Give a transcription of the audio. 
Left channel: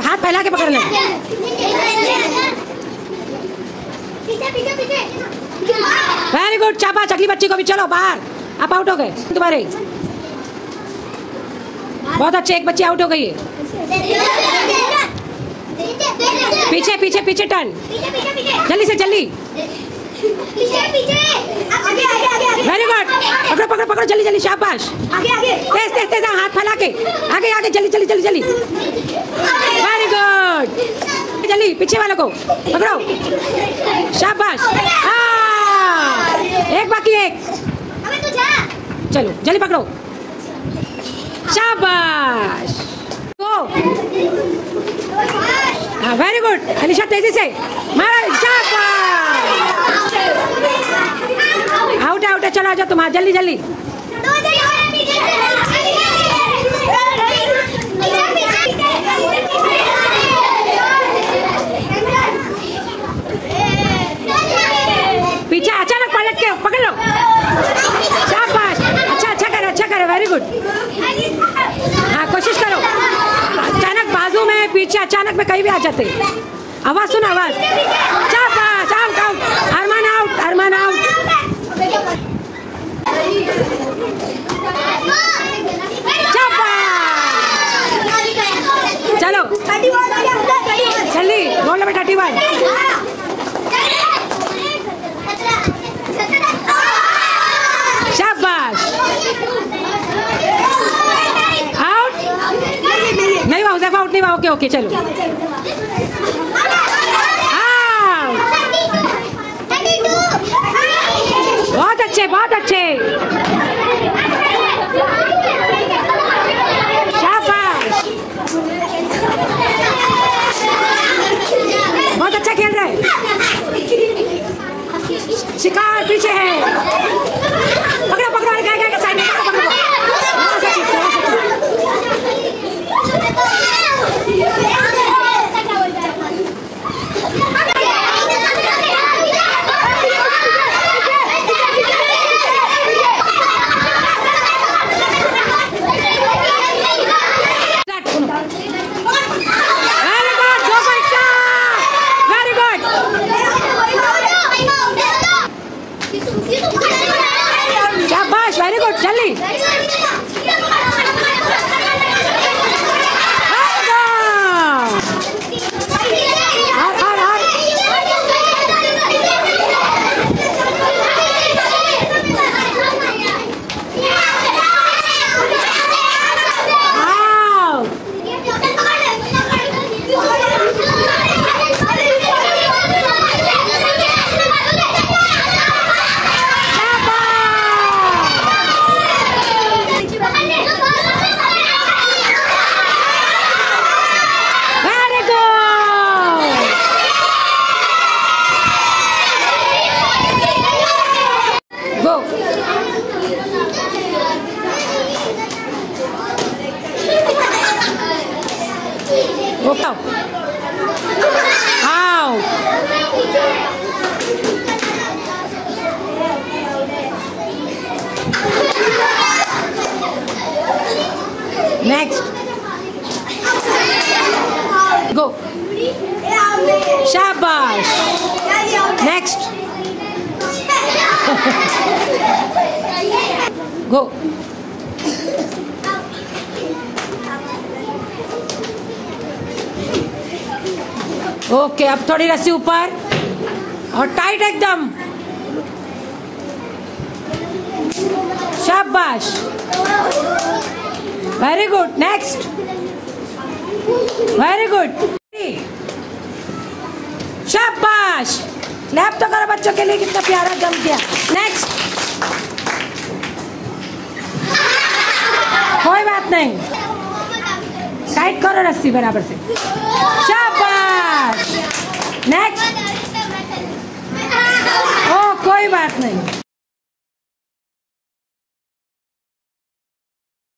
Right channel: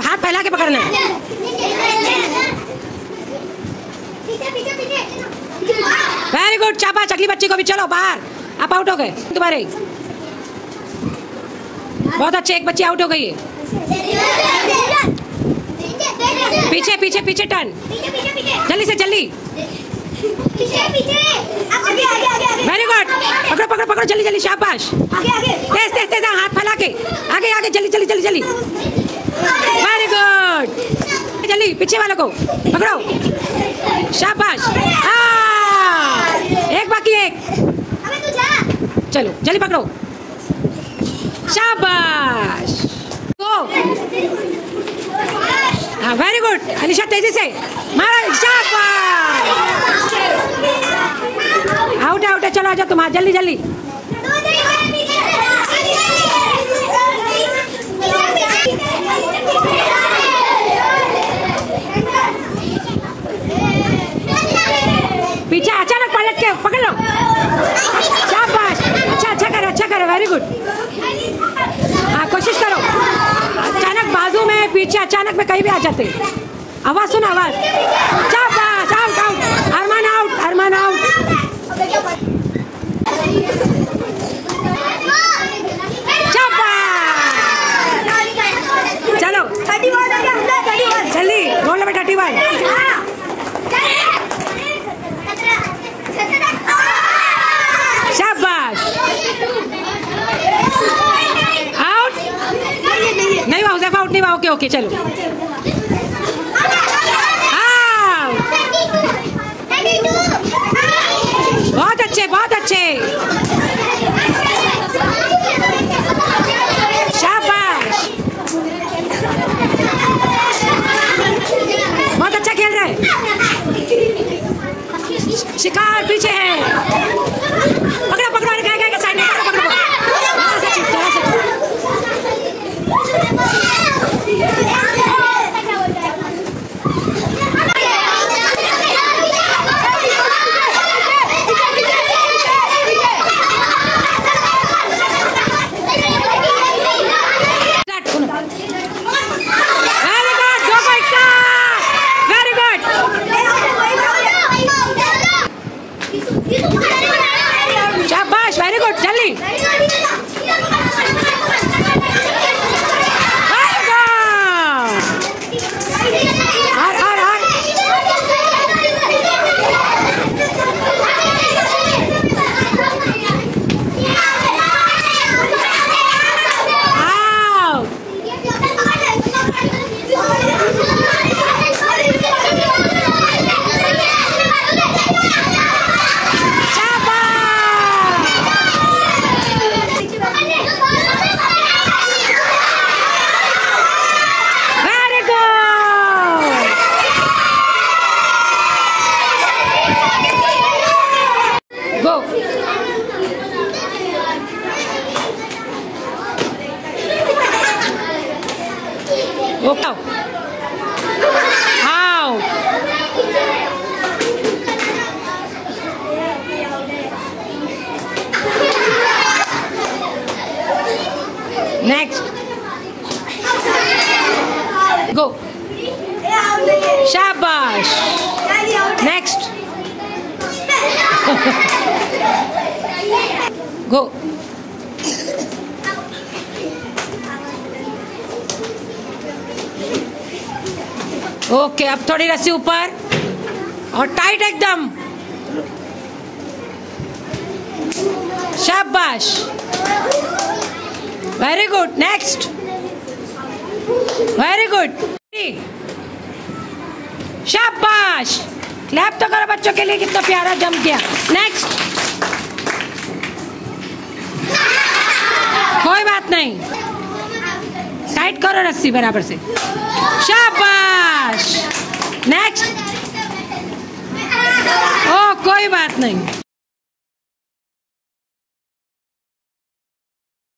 हाथ फैला के पकड़ना है। वेरी गुड, शाबाश। अगली बच्ची को भी, चलो बाहर। आप आउट हो गए तुम्हारे। बहुत अच्छे, एक बच्ची आउट हो गई है। पीछे पीछे पीछे टर्न, जल्दी से जल्दी। वेरी गुड, पकड़ो पकड़ो पकड़ो, जल्दी जल्दी, शाबाश। तेज तेज तेज, हाथ फैला के आगे आगे, जल्दी जल्दी जल्दी जल्दी। वेरी गुड, जल्दी पीछे वालों को पकड़ो, शाबाश। एक बाकी, एक। चलो जल्दी पकड़ो, शाबाश। हाँ वेरी गुड, अलीशा तेजी से मारो, शाबाश। आउट आउट है, चलो आ जाओ तुम, जल्दी जल्दी। पीछे अचानक पलट के पकड़ लो, शाबाश। अच्छा करो, वेरी गुड। हाँ कोशिश करो, अचानक बाजू में, पीछे अचानक में कहीं भी आ जाते। आवाज सुनो, आवाज। शाबाश, आउट आउट, अरमान आउट, अरमान आउट। चलो जल्दी, रोल नंबर 31। शाबाश, आउट नहीं हुआ, हुज़ैफा आउट नहीं हुआ। ओके ओके, चलो बहुत अच्छे, बहुत अच्छे, शाबाश। बहुत अच्छा खेल रहे हैं। शिकार पीछे है, पकड़ो पकड़ो, गए गए साइड में, पकड़ो पकड़ो, शाबाश, वेरी गुड, जल्दी। Go. Okay. Out. Next. Go. Shabash. Next. Go. Okay, अब थोड़ी रस्सी ऊपर और टाइट एकदम, शाबाश, very good. Next, very good, शाबाश। क्लैप तो करो बच्चों के लिए, कितना प्यारा जम गया। नेक्स्ट, कोई बात नहीं, टाइट करो रस्सी बराबर से, शाबाश। नेक्स्ट, ओ कोई बात नहीं।